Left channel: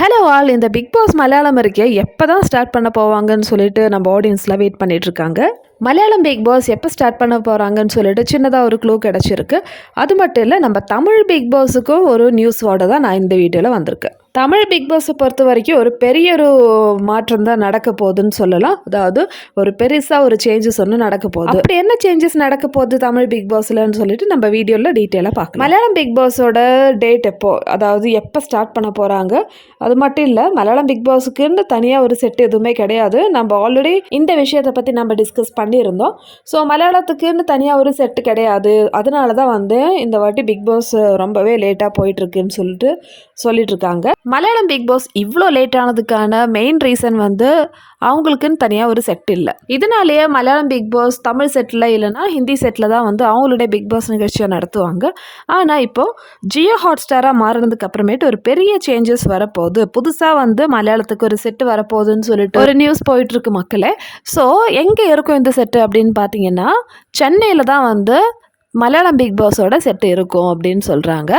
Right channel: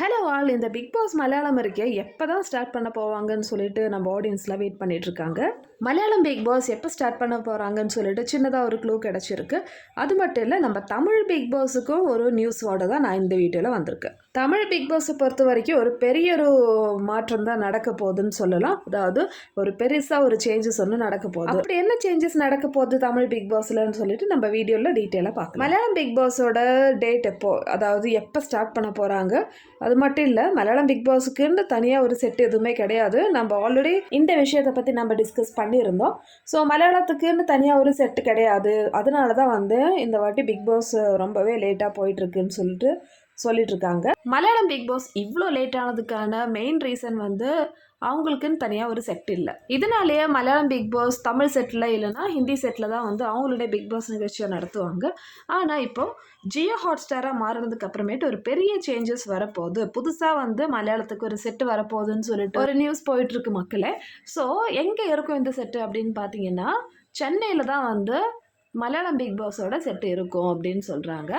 Hello all, இந்த big pass Malayalam இருக்கே எப்போ தான் ஸ்டார்ட் பண்ண போவாங்கன்னு சொல்லிட்டு நம்ம ஆடியன்ஸ்லாம் வெயிட் பண்ணிட்டு இருக்காங்க. மலையாளம் பிக் பாஸ் எப்போ ஸ்டார்ட் பண்ண போகிறாங்கன்னு சொல்லிட்டு சின்னதாக ஒரு க்ளூ கிடச்சிருக்கு. அது மட்டும் இல்லை, நம்ம தமிழ் பிக் பாஸுக்கும் ஒரு நியூஸோட தான் நான் இந்த வீடியோவில் வந்திருக்கேன். தமிழ் பிக் பாஸை பொறுத்த வரைக்கும் ஒரு பெரிய ஒரு மாற்றம் தான் நடக்க போகுதுன்னு சொல்லலாம். அதாவது ஒரு பெருசாக ஒரு சேஞ்சஸ் ஒன்று நடக்க போகுது. அப்படி என்ன சேஞ்சஸ் நடக்க போகுது தமிழ் பிக் பாஸ்லன்னு சொல்லிட்டு நம்ம வீடியோவில் டீட்டெயிலாக பார்க்கலாம். மலையாளம் பிக் பாஸோட டேட் எப்போ, அதாவது எப்போ ஸ்டார்ட் பண்ண போகிறாங்க, அது மட்டும் இல்லை மலையாளம் பிக் பாஸுக்குன்னு தனியாக ஒரு செட் எதுவுமே கிடையாது. நம்ம ஆல்ரெடி இந்த விஷயத்தை பற்றி நம்ம டிஸ்கஸ் பண்ணியிருந்தோம். ஸோ மலையாளத்துக்குன்னு தனியாக ஒரு செட்டு கிடையாது. அதனால தான் இந்த வாட்டி பிக் பாஸ் ரொம்பவே லேட்டாக போயிட்டுருக்குன்னு சொல்லிட்டு இருக்காங்க. மலையாளம் பிக் பாஸ் இவ்வளோ லேட் ஆனதுக்கான மெயின் ரீசன் அவங்களுக்குன்னு தனியாக ஒரு செட் இல்லை. இதனாலேயே மலையாளம் பிக் பாஸ் தமிழ் செட்டில் இல்லைனா ஹிந்தி செட்டில் தான் அவங்களுடைய பிக் பாஸ் நிகழ்ச்சியை நடத்துவாங்க. ஆனால் இப்போது ஜியோ ஹாட்ஸ்டாராக மாறினதுக்கு அப்புறமேட்டு ஒரு பெரிய சேஞ்சஸ் வரப்போகுது. புதுசாக மலையாளத்துக்கு ஒரு செட்டு வரப்போகுதுன்னு சொல்லிட்டு ஒரு நியூஸ் போயிட்டுருக்கு மக்களே. ஸோ எங்கே இருக்கும் இந்த செட்டு அப்படின்னு பார்த்தீங்கன்னா, சென்னையில் தான் மலையாளம் பிக் பாஸோட செட்டு இருக்கும் அப்படின்னு சொல்கிறாங்க.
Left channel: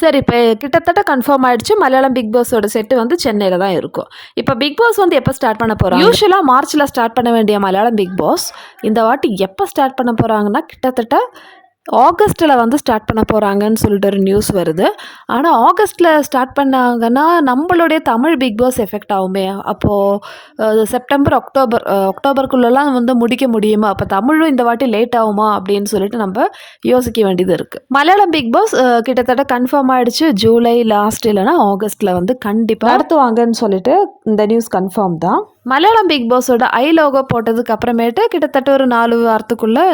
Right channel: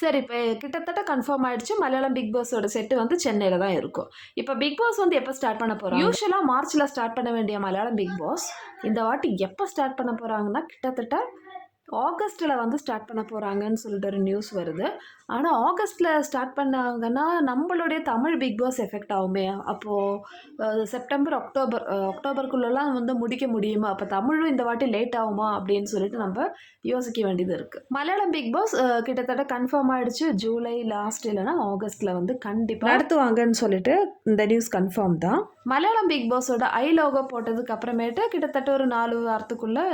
சரி, இப்போ கிட்டத்தட்ட கன்ஃபார்ம் ஆகிடுச்சு. மலையாளம் பிக் பாஸோட செட்டு சென்னையில் தான் இருக்கும். இப்போ பிக் பாஸ் எப்போ ஸ்டார்ட் பண்ண போகிறாங்க? யூஸ்வலாக மார்ச்சில் ஸ்டார்ட் பண்ண வேண்டிய மலையாளம் பிக் பாஸ் இந்த வாட்டி எப்போ ஸ்டார்ட் பண்ண போகிறாங்கன்னா, கிட்டத்தட்ட ஆகஸ்ட்டில் ஸ்டார்ட் பண்ண போகிறாங்கன்னு சொல்லிட்டு ஒரு நியூஸ் வருது. ஆனால் ஆகஸ்ட்டில் ஸ்டார்ட் பண்ணாங்கன்னா நம்மளுடைய தமிழ் பிக் பாஸ் எஃபெக்ட் ஆகுமே. அப்போது செப்டம்பர் அக்டோபருக்குள்ளெல்லாம் முடிக்க முடியுமா? அப்போ தமிழும் இந்த வாட்டி லேட் ஆகுமா அப்படின்னு சொல்லிட்டு நம்ம யோசிக்க வேண்டியது இருக்குது. மலையாளம் பிக் பாஸ் கிட்டத்தட்ட கன்ஃபார்ம் ஆகிடுச்சு. ஜூலை லாஸ்ட் இல்லைனா ஆகஸ்ட்டில் கண்டிப்பாக நடத்துவாங்கன்னு சொல்லிட்டு இந்த நியூஸ் கன்ஃபார்ம் தான். மலையாளம் பிக் பாஸோட லோகோ போட்டதுக்கு அப்புறமேட்டு கிட்டத்தட்ட ஒரு 4 வாரத்துக்குள்ளே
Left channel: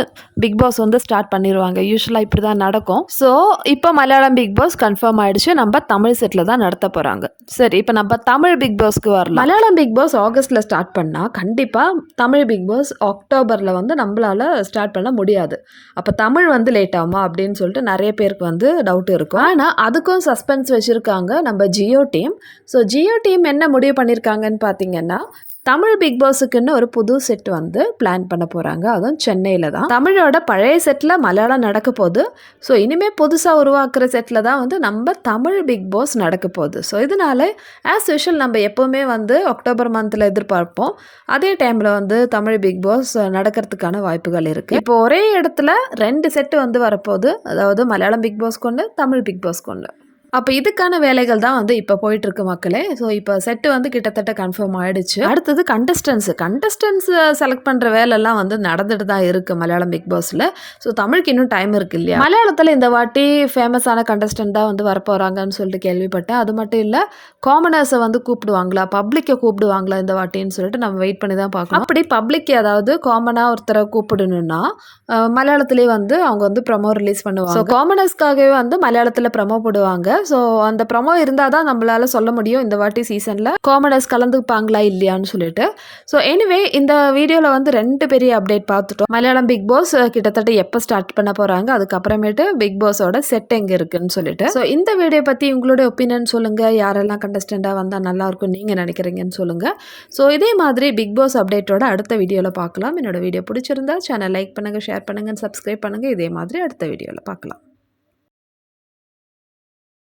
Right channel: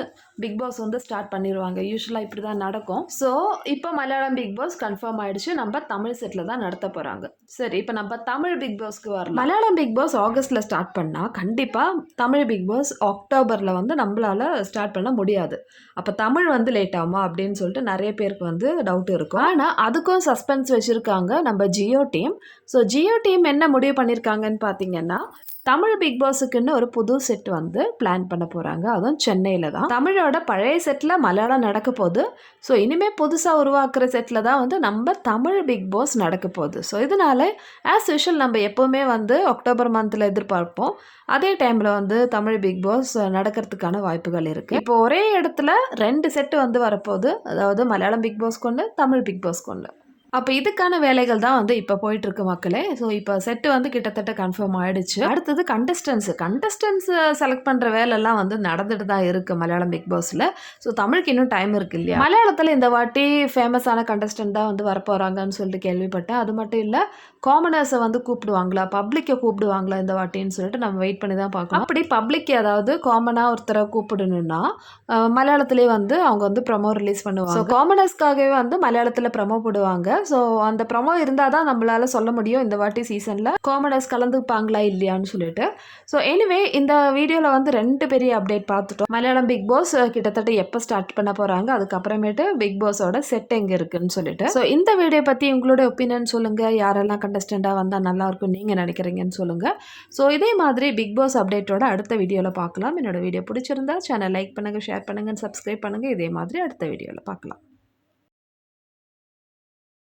பிக் பாஸ் ஸ்டார்ட் பண்ணிடுவாங்க. யூஸ்வலாக இப்படி தான் நடக்கும். ஸோ இப்போ மலையாளம் பிக் பாஸ் கன்ஃபார்ம் ஆகிடுச்சு. நம்ம தமிழ் செட்டில் தான் நடத்த போகிறாங்க. சரி, இப்போ நம்ம தமிழ் பிக் பாஸ்க்கு வரலாம். மலையாளம் பிக் பாஸ் ஆகஸ்ட்டில் ஸ்டார்ட் பண்ணால் கண்டிப்பாக தமிழ் பிக் பாஸ் அக்டோபரில் நம்மளால் ஸ்டார்ட் பண்ண முடியாது. அப்போ தமிழ் லேட் ஆகுமா அப்படின்னு சொல்லிட்டு நிறைய பேருக்கு டவுட் இருக்கும். ஆனால் அதுக்கும் சஸ்பென்ஸ் வச்சுருக்காங்க நம்ம Jio team. So Jio team என்ன முடிவு பண்ணியிருக்காங்கன்னு பார்த்தீங்கன்னா, தமிழ் பிக் பாஸுக்குன்னு ஒரு புது செட் பிளான் பண்ண போகிறாங்க. அதுவும் சென்னையில் தான். தமிழோட பழைய செட்டில் மலையாளம் நடக்க போகுது. ஸோ இனிமேல் புதுசாக உருவாக்குற செட்டில் தான் நம்ம தமிழ் பிக் பாஸ் நடக்க போகுது. ஸோ இதனால் ஆஸ் யூஷுவல் நம்ம எப்போவுமே அக்டோபர் மந்தில் எதிர்பார்ப்போம். அதே டைமில் தமிழ் பிக் பாஸ் நடக்கிறதுக்கான வாய்ப்புகள் இருக்குது. இப்போ ஒரே இடத்துல 2 செட்டு வரப்போகுது. அதாவது மலையாளம் பிக் பாஸ் கொண்டு தமிழ் பிக் பாஸ் கொண்டு. அப்போ இதுக்கான வேலைகள் தான் இப்போ போயிட்டுருக்கு மக்களே. ஸோ இப்போ செட்டு கிட்டத்தட்ட கன்ஃபார்ம் ஆகிடுச்சு. அடுத்தது கண்டஸ்டன்ஸ் செலக்ட் பண்ணுற வேலைலாம் நடந்துட்டு தான் இருக்குது மலையாளம் பிக் பாஸில். ஸோ தமிழுக்கு இன்னும் டைம் இருக்குது இல்லையா? மலையாளத்தில் இந்த வாட்டி ஃபேமஸான கண்டஸ்டன்ட் தான் வரப்போகிறாங்கன்னு சொல்லிட்டு கேள்விப்பட்டேன். அது மட்டும் இல்லை, காமனர்ஸை கூப்பிடுவாங்களா, பப்ளிக்கை கூப்பிடுவாங்களா இந்த வாட்டின்னு சொல்லிட்டு நம்ம வெயிட் பண்ணி தான் பார்க்கணும். அப்படி பப்ளிக் ஏதாவது காமனாக ஒருத்தரை கூப்பிடணுன்னா மலையாளத்திலே அவங்க ப்ரமோ ரிலீஸ் பண்ணுவாங்க. ஸோ காமனர்ஸ்க்காகவே மலையாளத்தில் ப்ரமோ போடுவாங்க. ஸோ அந்த ப்ரமோ இருந்தால் தான் நம்மளால் சொல்ல முடியும் இந்த வாட்டி சீசனில் காமனர்ஸ் கலந்துப்பாங்களா இல்லையான்னு சொல்லிட்டு. ஸோ எனிவே இந்த வீடியோவில் 2 பெரிய அப்டேட் பார்த்துட்டோம். மலையாளம் பிக் பாஸ் கிட்டத்தட்ட எப்போ ஸ்டார்ட் பண்ண போகிறாங்க, அதுக்கப்புறமேட்டு பிக் பாஸோட செட் எங்கே இருக்குன்னு சொல்லிட்டு. ஸோ இந்த வீடியோ பற்றி உங்களோட ஒப்பீனியன் சொல்லுங்கள். யாரெல்லாம் கண்டஸ்டண்ட்டாக வந்தால் நல்லாயிருக்கும் நீங்கள் நினைக்கிறீங்கன்னு சொல்லுங்கள். ஸோ இதே மாதிரி பிக் பாஸ் அப்டேட்டோட அடுத்த வீடியோவில் பார்க்கலாம். என்னோட வீடியோ பிடிச்சிருந்தா சேனல் லைக் பண்ணுங்கள், ஷேர் பண்ணுங்கள், சப்ஸ்கிரைப் பண்ணுங்கள். இதே மாதிரி அடுத்த வீடியோவில் பார்க்கலாம்.